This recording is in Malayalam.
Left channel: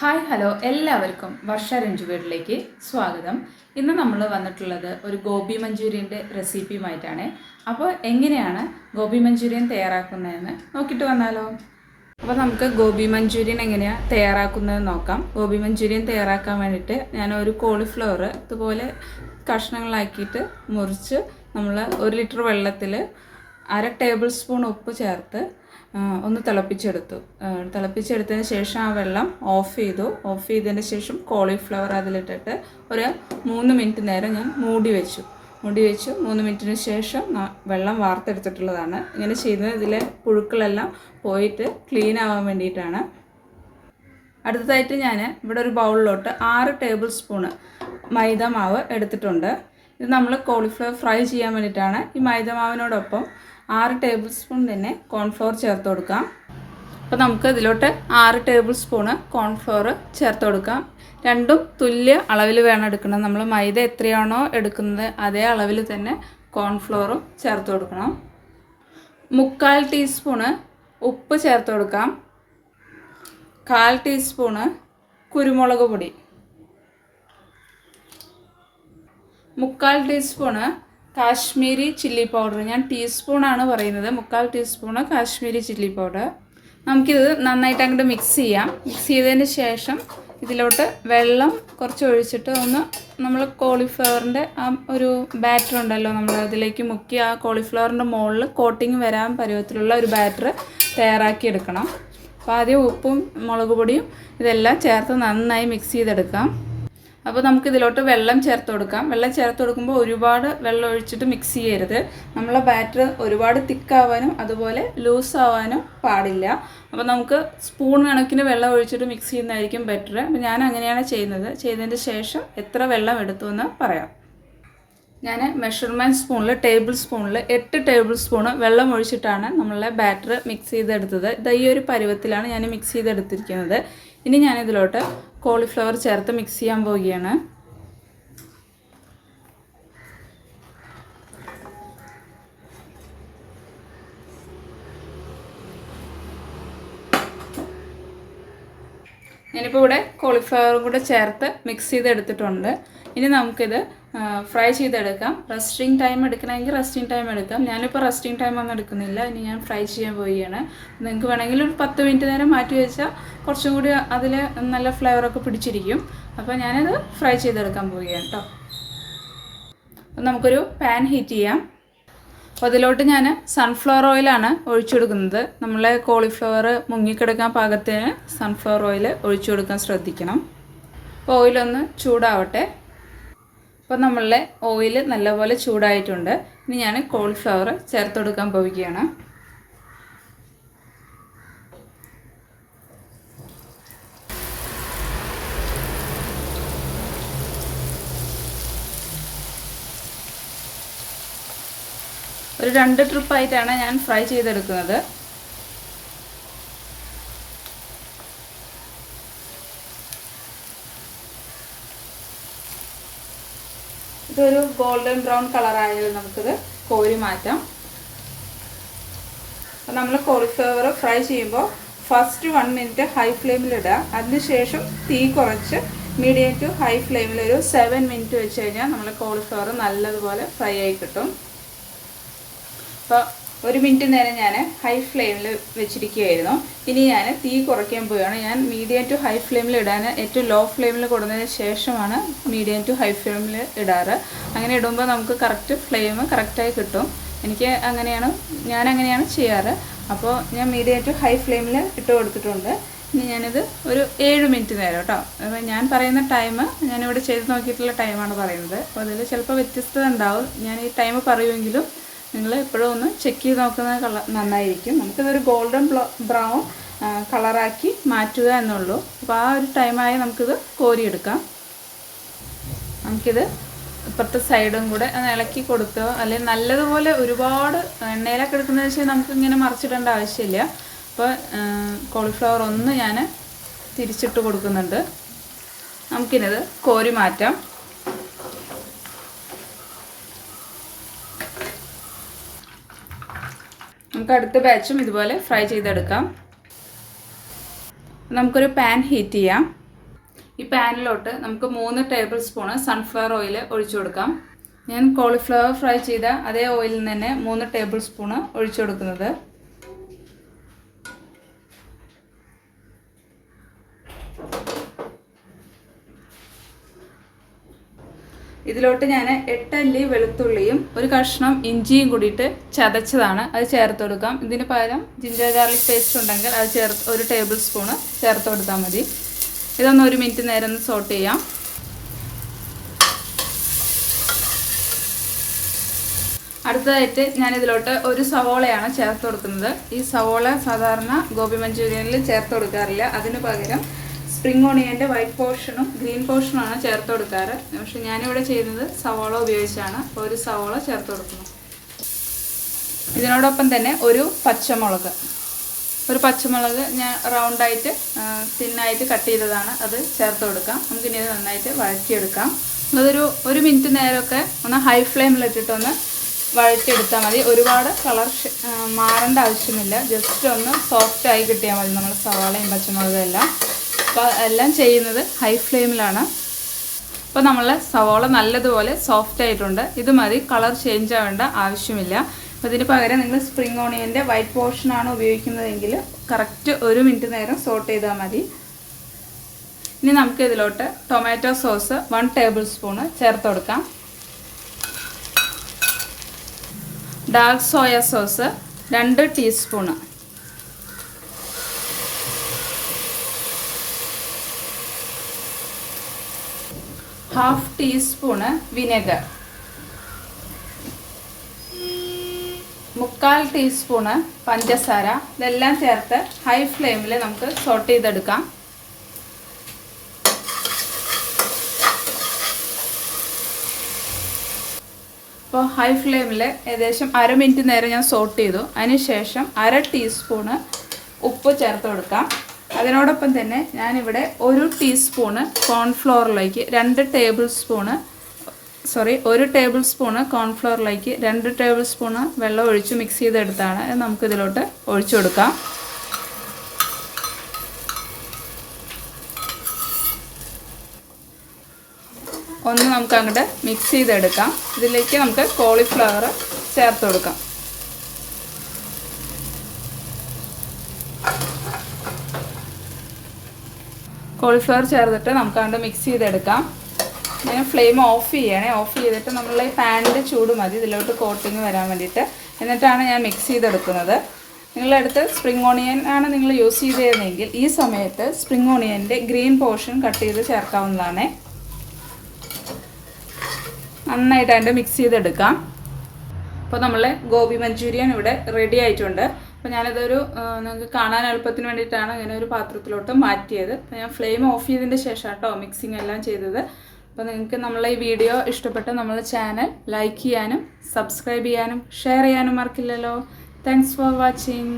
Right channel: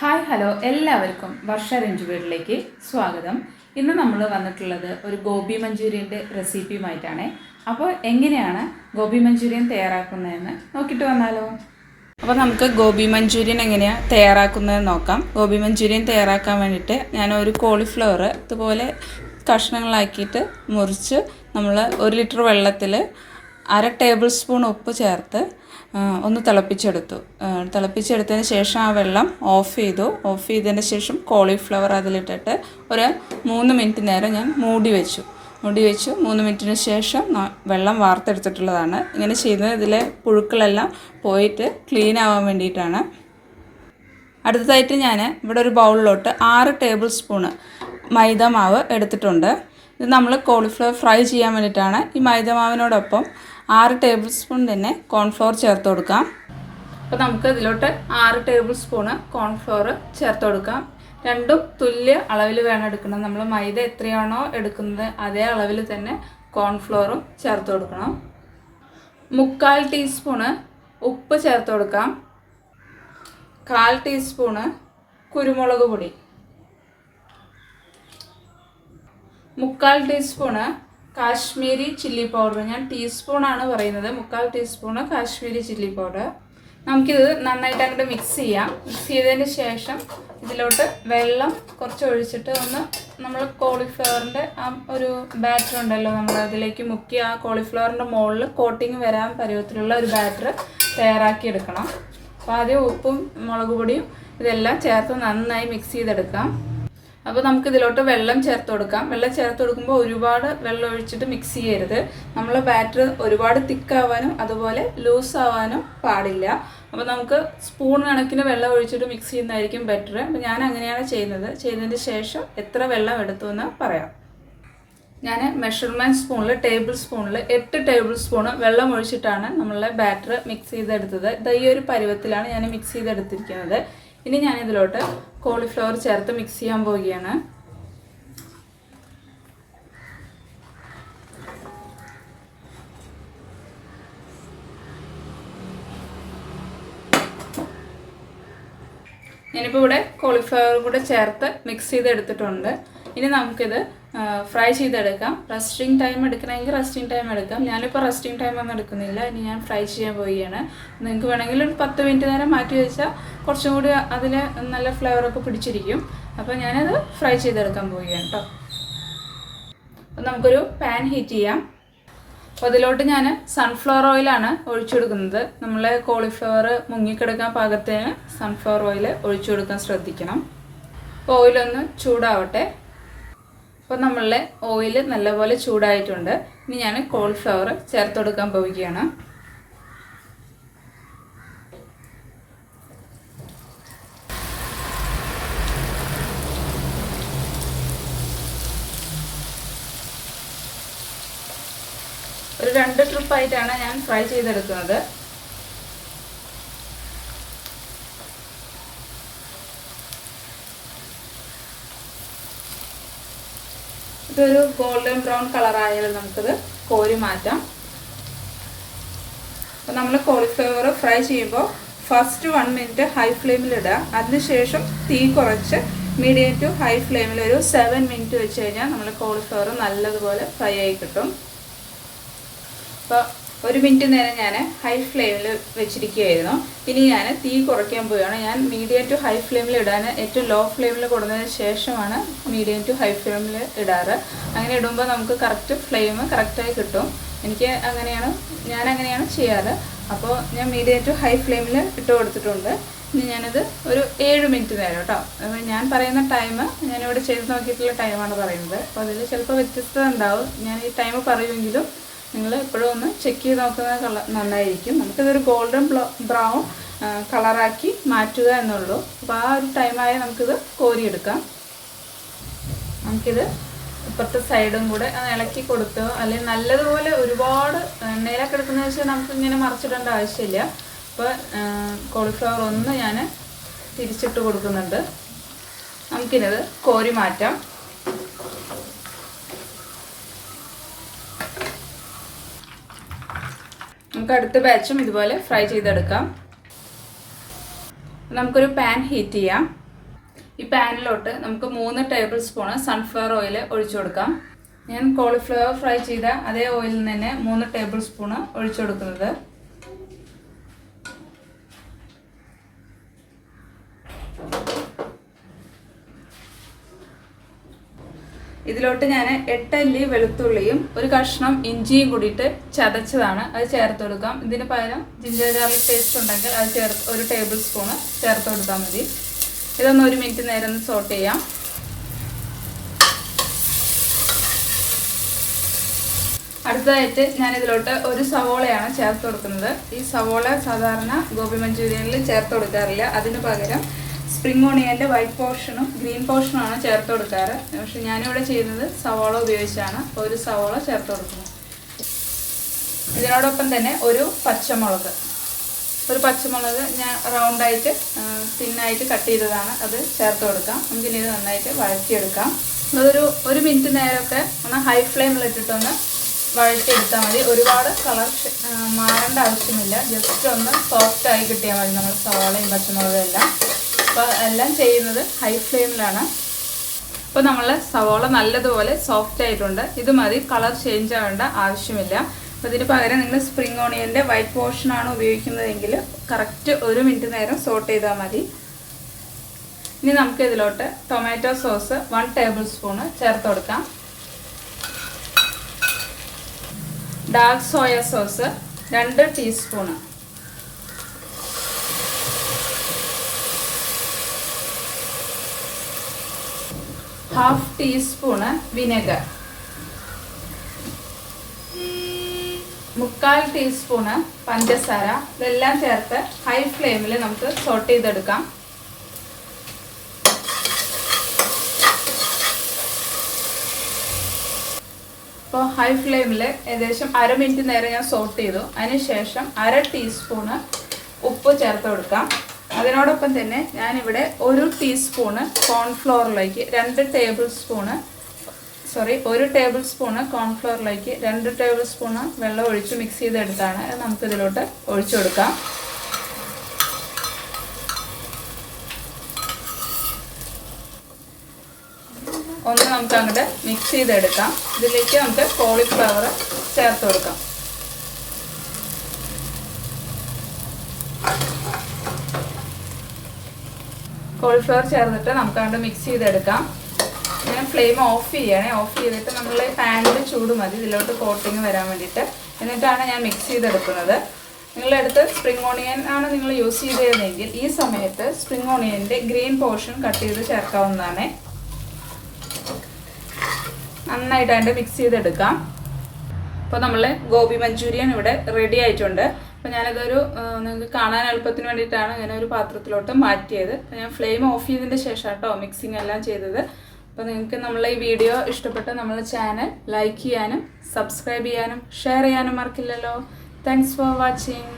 ഹായ് ഹലോ എല്ലാവർക്കും വർഷ രഞ്ജു വീട്ടിലേക്ക് സ്വാഗതം. ഇന്ന് നമ്മൾ വന്നിട്ടുള്ളത് ഒരു ഗോബി മഞ്ചൂരിയൻ്റെ റെസിപ്പിയുമായിട്ടാണ്. അപ്പോൾ എങ്ങനെയാണ് ഗോബി മഞ്ചൂരിയൻ തയ്യാറാക്കുന്നതെന്ന് നോക്കിയിട്ട് വന്നാലോ. അപ്പോൾ നമുക്ക് ഗോബി മഞ്ചൂരിയൻ എങ്ങനെയാണ് തയ്യാറാക്കുന്നതെന്ന് നോക്കാം. ഗോബി മഞ്ചൂരിയൻ തയ്യാറാക്കാൻ വേണ്ടിയിട്ട് ഞാൻ ഒരു കോളിഫ്ലവർ ഇതുപോലെ കഷ്ണങ്ങളാക്കിയിട്ട് മുറിച്ച് നമ്മൾ 1 ലിറ്റർ വെള്ളത്തിൽ 1/2 ടേബിൾ സ്പൂൺ ഉപ്പ് ചേർത്ത് ഒന്ന് തിളപ്പിച്ചെടുത്തതിന് ശേഷം ആ വെള്ളം ഓഫ് ചെയ്തതിന് ശേഷം കോളിഫ്ലവർ അതിലിട്ടിട്ട് ഒരു 3 മിനിറ്റ് നേരം ഞാൻ മൂടി വെച്ചു 3 മിനിറ്റിന് ശേഷം വെള്ളം വാർത്തെടുത്തിട്ടുള്ളതാണ്. ഇങ്ങനെ ചെയ്യുന്നത് ഇതിലെ പുഴുക്കളെല്ലാം പോയിട്ട് ക്ലീൻ ആവാൻ വേണ്ടിയിട്ടാണ്. അടുത്തതായിട്ട് ഞാൻ ഇവിടെ ഒരു ബൗളിലോട്ട് 6 ടേബിൾ സ്പൂണ് മൈദ മാവ് എടുത്തിട്ടുണ്ട്. ഇത് നമ്മൾ കോളിഫ്ലവർ ഫ്രൈ ചെയ്യാൻ വേണ്ടിയിട്ടാണ്. ഈ മൈദ മാവിനോടൊപ്പം 6 ടേബിൾ സ്പൂൺ തന്നെ കോൺഫ്ലവർ ചേർത്ത് കൊടുക്കാം. അപ്പോൾ നമുക്ക് ഇതിലോട്ട് 6 ടേബിൾ സ്പൂണ് കോൺഫ്ലവർ ചേർത്ത് കൊടുക്കാം. രണ്ടും തുല്യ അളവിൽ വേണം എടുക്കുന്നത്. നമ്മൾ മൈദ എത്രയാണോ എടുക്കുന്നത് അതേ അളവിൽ തന്നെ കോൺഫ്ലവറും ചേർത്ത് കൊടുക്കണം. 3/4 ടീസ്പൂണ് ഉപ്പ് ചേർത്ത് കൊടുക്കാം. 1/4 ടീസ്പൂണ് കുരുമുളക് പൊടി, 3/4 ടീസ്പൂണ് കാശ്മീരി ചില്ലി പൗഡർ. ഞാൻ ടീസ്പൂണാണ് പറയുന്നത്. 3/4 ടീസ്പൂണ് കാശ്മീരി ചില്ലി പൗഡർ. നമുക്കിത് നന്നായിട്ട് അങ്ങോട്ട് മിക്സ് ചെയ്യാം. മിക്സ് ചെയ്തതിന് ശേഷം ഇതിലോട്ട് വെള്ളം കുറച്ച് ഒഴിച്ചിട്ട് ഒന്ന് നമ്മൾ കോളിഫ്ലവറിൻ്റെ ആ ഒരു ബാറ്റർ ഉണ്ടല്ലോ, നമ്മൾ അതിലേക്ക് മുക്കി ആ കോളിഫ്ലവറിൻ്റെ മുകളിൽ കോട്ടിങ് വരാൻ പരുവത്തിലുള്ള ഒരു ബാറ്റർ തയ്യാറാക്കി എടുക്കണം. അപ്പോൾ ആദ്യം ഉപ്പും മുളക് പൊടിയും ഇതെല്ലാം ചേർത്ത് നന്നായി മിക്സ് ചെയ്തെടുക്കാം. അപ്പോൾ നമുക്കിതിലോട്ട് വെള്ളം ചേർത്ത് കൊടുക്കാം. വെള്ളം ചേർത്ത് കൊടുക്കുമ്പോൾ ഒരുപാട് വെള്ളം ഒഴിച്ചിട്ട് മിക്സ് ചെയ്യരുത്. നമ്മളെ ബാറ്റർ ഒരുപാട് തിക്കാവാനും അതുപോലെ ലൂസ് ആവാനും പാടില്ല. അപ്പോൾ നമുക്ക് സ്പൂൺ കണക്കിന് വെള്ളം ഒഴിച്ചിട്ട് മിക്സ് ചെയ്യുന്നതായിരിക്കും ബെറ്റർ. അപ്പോൾ ഞാൻ അങ്ങനെയാണ് ചെയ്യുന്നത്. ചെയ്തതിന് ശേഷം എത്ര വെള്ളം എടുത്തു എന്ന് പറയാം. ഞാൻ മെഷർമെൻറ്റ് സ്പൂണിൽ 8 ടേബിൾ സ്പൂണ് വെള്ളം ഒഴിച്ചിട്ടാണ് നമ്മളെ ബാറ്റർ മിക്സ് ചെയ്തെടുത്തത്. ഈ ഒരു പരുവത്തിലാണ് ഞാൻ മിക്സ് ചെയ്തെടുത്തിരിക്കുന്നത്. ഇനി ഞാനിതിലോട്ട് കോളിഫ്ലവർ ചേർത്ത് മിക്സ് ചെയ്യാൻ പോവുകയാണ്. ഞാനിപ്പോൾ ഇവിടെ കോളിഫ്ലവർ കൂടെ ചേർത്ത് മിക്സ് ചെയ്തെടുത്തിട്ടുണ്ട്. ഇനി നമുക്കിത് ഫ്രൈ ചെയ്തെടുക്കാം. റെസ്റ്റിംഗ് ടൈം എടുക്കണമെങ്കിൽ റെസ്റ്റിംഗ് ടൈം എടുക്കാം. ഞാനിപ്പോൾ റെസ്റ്റിംഗ് ടൈം ഒന്നും എടുക്കുന്നില്ല. ഇനി ഞാൻ ഫ്രൈ ചെയ്യാൻ പോവുകയാണ്. നിങ്ങൾക്ക് വേണമെങ്കിൽ ഒരു 10 മിനിറ്റ് നേരം മാറ്റി വെച്ചാൽ കുറച്ചും കൂടി അതിൽ നല്ല ഫ്ലേവറൊക്കെ പിടിച്ചിരിക്കും. അപ്പോൾ ഞാനത് ഫ്രൈ ചെയ്തെടുക്കാൻ പോവുകയാണ് കേട്ടോ. അപ്പോൾ നമുക്കൊരു പാൻ ഹീറ്റ് ചെയ്യാം. അപ്പോൾ അതിലോട്ട് ഞാൻ സൺഫ്ലവർ ഓയിലാണ് ഒഴിച്ചു കൊടുക്കുന്നത്. നമ്മളെ കോളിഫ്ലവർ മുങ്ങിക്കിടക്കാൻ പാകത്തിന് സൺഫ്ലവർ ഓയിൽ ഒഴിച്ചു കൊടുക്കാൻ ശ്രദ്ധിക്കണം. അപ്പോൾ ഓയിലൊന്ന് ചൂടാവട്ടെ. അപ്പോൾ നമ്മളുടെ ഓയിൽ നല്ലപോലെ ചൂടായിട്ടുണ്ട്. ഇനി ഞാൻ കോളിഫ്ലവർ ചേർത്ത് കൊടുക്കാൻ പോവുകയാണ്. ഒരു 2 ട്രിപ്പായിട്ടാണ് ഞാൻ ഫ്രൈ ചെയ്തെടുക്കുന്നത്. ഇതൊരു ഗോൾഡൻ ബ്രൗൺ കളറായാലും നമുക്കിത് കോരി മാറ്റാം. അപ്പോൾ നമ്മൾ കോളിഫ്ലവർ ഫ്രൈ ചെയ്യുമ്പോൾ ഫസ്റ്റ് 1 മിനിറ്റ് ഹൈ ഫ്ലെയിമിലിടുക. അതിനുശേഷം തീ കുറച്ച് മീഡിയം ടു ഹൈ ഫ്ലെയിമിൽ ഒരു 7 മിനിറ്റ് വെച്ച് കഴിഞ്ഞാൽ നമ്മൾ കോളിഫ്ലവർ നല്ലതുപോലെ ഫ്രൈ ആയി കിട്ടും. അപ്പോൾ 1 മിനിറ്റ് നേരം ഞാൻ ഹൈ ഫ്ലെയിമിൽ വെച്ചിരിക്കുകയായിരുന്നു. ഇനി ഞാൻ തീ കുറയ്ക്കാൻ പോവുകയാണ്. ഞാൻ മീഡിയം ടു ഹൈ ഫ്ലെയിമിൽ ഇടാൻ ഏറ്റവും ലോ ഫ്ലെയിമിൽ കൊടുത്തതിന് ശേഷമാണ് മീഡിയം ടു ഹൈ ഫ്ലെയിമിൽ ഇടാറ്. അങ്ങനെ ഇടുമ്പോൾ നമുക്ക് കറക്റ്റ് ഫ്ലെയിം കറക്റ്റായി കിട്ടും. ഞാൻ അങ്ങനെയാണ് ചെയ്യാറ്. അപ്പോൾ ഞാൻ മീഡിയം ടു ഹൈ ഫ്ലെയിമിൽ ഇട്ട് കൊടുത്തിട്ടുണ്ട്. ഇനി ഞാനിത് ഒരു 7 മിനിറ്റ് നേരം കേട്ടോ. അപ്പോൾ ഞാൻ പറയുന്ന ടൈം ഞാനിവിടെ ചെയ്ത് നോക്കിയിട്ടുള്ള ടൈമാണ് പറയുന്നത്. അപ്പോൾ അതിൽ ചിലപ്പോൾ വ്യത്യസ്തത ഉണ്ടാവും. ഞാൻ ഈ ടൈം പറയുമെങ്കിലും നിങ്ങൾ എപ്പോഴും ഒന്ന് ചെക്ക് ചെയ്ത് നോക്കുന്നത് നന്നായിരിക്കും. നമുക്കിതൊരു ഗോൾഡൻ ബ്രൗൺ കളറാക്കി മാറ്റുക എന്നുള്ളൂ. അപ്പോൾ ആ ഒരു ടൈമായി നമുക്കിത് കോരിയെടുക്കാം. നമുക്കിത് ഇപ്പുറത്തെ സൈഡും കൂടെ ഇളക്കി കൊടുക്കുക. അല്ലെങ്കിൽ നല്ലതുപോലെ ഒരുപാട് എണ്ണയിലൊക്കെ എടുക്കുന്നത് വെച്ചാൽ നമുക്കിങ്ങനെ മറിച്ചിടേണ്ട ആവശ്യമില്ല. അപ്പോൾ കോളിഫ്ലവർ ഒന്ന് ഞാൻ തിരിച്ചിട്ട് കൊടുക്കുന്നുണ്ട്. നമുക്കിത് കോരി മാറ്റാം. നമുക്ക് അടുത്ത ബാച്ചും ഇതുപോലെ ഫ്രൈ ചെയ്തെടുക്കാം. നമുക്കൊരു പാൻ ഹീറ്റ് ചെയ്യാം. ഈ പാനിലോട്ട് നമുക്ക് 3 ടേബിൾ സ്പൂണ് സൺഫ്ലവർ ഓയിൽ ഒഴിച്ചു കൊടുക്കാം. ഞാൻ കോളിഫ്ലവർ ഫ്രൈ ചെയ്ത അതേ ഓയിലിൽ തന്നെ 3 ടേബിൾ സ്പൂണ് ഒഴിച്ചു കൊടുക്കുന്നത്. ഇതിലോട്ട് ഞാൻ 8 അല്ലി വെളുത്തുള്ളിയും ഒരു കഷ്ണം ഇഞ്ചിയും കൂടിയിട്ട് ചതച്ചതാണ്, അത് ചേർത്ത് കൊടുക്കാം. ഇതിന് പകരം ജിഞ്ചർ ഗാർലിക് പേസ്റ്റ് ഉണ്ടെങ്കിൽ അത് 1 ടേബിൾ സ്പൂണ് ചേർത്ത് കൊടുത്താൽ മതി. ഇതൊന്ന് 1 മിനിറ്റ് നേരം ഒന്ന് സോട്ട് ചെയ്യാം. അടുത്തതായിട്ട് ഞാൻ ഇതിലോട്ട് ഒരു സവോളയാണ് ചേർത്ത് കൊടുക്കുന്നത്. ഈ സവോള സാധാരണ ഗോബി മഞ്ചൂരിയനിൽ ചേർത്ത് കൊടുക്കാറില്ല. അതിന് പകരം സ്പ്രിംഗ് ഓണിയൻ്റെ വൈറ്റ് പോർഷനും ഗ്രീൻ പോർഷനുമാണ് ചേർത്ത് കൊടുക്കാറ്. പക്ഷെ ഞാനിവിടെ ചെയ്യുന്നത് സവോള ഉപയോഗിച്ചാണ്. ഒരു സവോള ചേർത്ത് കൊടുക്കുന്നു. ഇതിനോടൊപ്പം തന്നെ ഒരു പച്ചമുളക് ഞാൻ റൗണ്ടായിട്ട് തിന്നായിട്ട് കട്ട് ചെയ്തതാണ്, അത് ചേർത്ത് കൊടുക്കാം. നമുക്കിനി ഇത് നന്നായിട്ട് വഴറ്റിയെടുക്കാം. ഇതൊരു 1 മിനിറ്റ് നേരമൊക്കെ ഒന്ന് ഹൈ ഫ്ലെയിമിലിട്ടിട്ടൊന്ന് വഴറ്റിയെടുത്താൽ മതി. ഒരുപാട് കളർ മാറേണ്ട ആവശ്യമില്ല. ജസ്റ്റ് ഒന്ന് സോഫ്റ്റായി കിട്ടിയാൽ മതി. നമ്മൾ സവാളയും പച്ചമുളകും എല്ലാം ചെയ്യുന്നത് ഹൈ ഫ്ലെയിമിലാണ്. അപ്പോൾ നമ്മൾ സവാള നല്ലതുപോലെ സോഫ്റ്റ് ആയിട്ടുണ്ട്. ഇത് മതി, കളർ ചേഞ്ച് ആവേണ്ട ആവശ്യമില്ല. അപ്പോൾ ഇതിന് പകരം നിങ്ങൾ സ്പ്രിംഗ് ഓണിയൻ്റെ വൈറ്റ് പോർഷനാണ് ഉപയോഗിക്കുന്നതെങ്കിൽ കറക്റ്റ് 1 മിനിറ്റ് നേരം സോട്ട് ചെയ്താൽ മതി. ഇനി നമുക്ക് ഇതിലോട്ട് ടൊമാറ്റോ സോസ് 1 ടേബിൾ സ്പൂണ് ചേർത്ത് കൊടുക്കാം. Dark soya sauce 2 teaspoon, half teaspoon vinegar, 1/4 teaspoon പഞ്ചസാര. ഇതെല്ലാം ചേർത്ത് ഹൈ ഫ്ലെയിമിൽ നമുക്ക് സോട്ട് ചെയ്തെടുക്കാം. അപ്പോൾ ഹൈ ഫ്ലെയിമിൽ ഏകദേശം 1/2 മിനിറ്റ് നേരം ഞാൻ സോട്ട് ചെയ്തു. അതിനുശേഷം 1/2 ടീസ്പൂണ് ഉപ്പ് ചേർത്ത് കൊടുക്കാം. അതിനോടൊപ്പം തന്നെ ഞാനിവിടെ 1 ടീസ്പൂണ് കോൺഫ്ലോറിലേക്ക് 1 ടേബിൾ സ്പൂണ് കോൺഫ്ലോറിലേക്ക് 2 ടേബിൾ സ്പൂണ് വെള്ളം ഒഴിച്ച് മിക്സ് ചെയ്തെടുത്താണ്. നമുക്കിതിലോട്ട് ഒഴിച്ചു കൊടുക്കാം. ഒന്ന് നമുക്ക് അങ്ങോട്ട് മിക്സ് ചെയ്തെടുക്കാം. ഇതിലേക്ക് നമുക്ക് കോളിഫ്ലവർ ചേർത്ത് കൊടുക്കാം. കോളിഫ്ലവർ ചേർത്തിട്ട് നമുക്ക് അങ്ങോട്ട് മിക്സ് ചെയ്തെടുക്കാം. ഞാൻ ഫ്ലെയിം ഓഫ് ചെയ്തിട്ട് നമ്മൾ പാനിൽ ചൂട് മതി ഇതിലോട്ട് കോട്ടിങ് വരാൻ വേണ്ടിയിട്ട്. എന്നിട്ടാണ് ഞാൻ മിക്സ് ചെയ്തെടുക്കുന്നത്. നിങ്ങളുടെ അടുത്ത് സ്പ്രിംഗ് ഓണിയൻ ആണ് നിങ്ങൾ യൂസ് ചെയ്തിരുന്നെങ്കിൽ ഈ സമയത്ത് സ്പ്രിംഗ് ഓണിയൻ്റെ ഗ്രീൻ പോർഷൻ കട്ട് ചെയ്ത് ചേർക്കാവുന്നതാണ്. നന്നായിട്ട് അതിൻ്റെ മിക്സ് ചെയ്തെടുക്കാം. അപ്പോൾ നമ്മൾ ഗോബി മഞ്ചൂരിയൻ ഇവിടെ റെഡി ആയിട്ടുണ്ട്. അപ്പോൾ ഞാനിതൊരു നിങ്ങൾക്ക് കാണാൻ എളുപ്പത്തിന് വേണ്ടിയിട്ടാണ് ഇങ്ങനെ ഒരു പാത്രത്തിലോട്ട് മാറ്റിയത്. അപ്പോൾ ഞാൻ ഫ്ലെയിം ഓഫ് ചെയ്തതിൻ്റെ ശേഷം കേട്ടോ മിക്സിങ് എല്ലാം ചെയ്തത്. അപ്പോൾ നിങ്ങൾക്ക് നമ്മളെ ഈ വീഡിയോ ഇഷ്ടപ്പെട്ട് നമ്മളെ ചാനൽ ലൈക്ക് ചെയ്യാനും സബ്സ്ക്രൈബ് ചെയ്യാനും ഷെയർ ചെയ്യാനും മറക്കില്ലല്ലോ. Thanks for watching.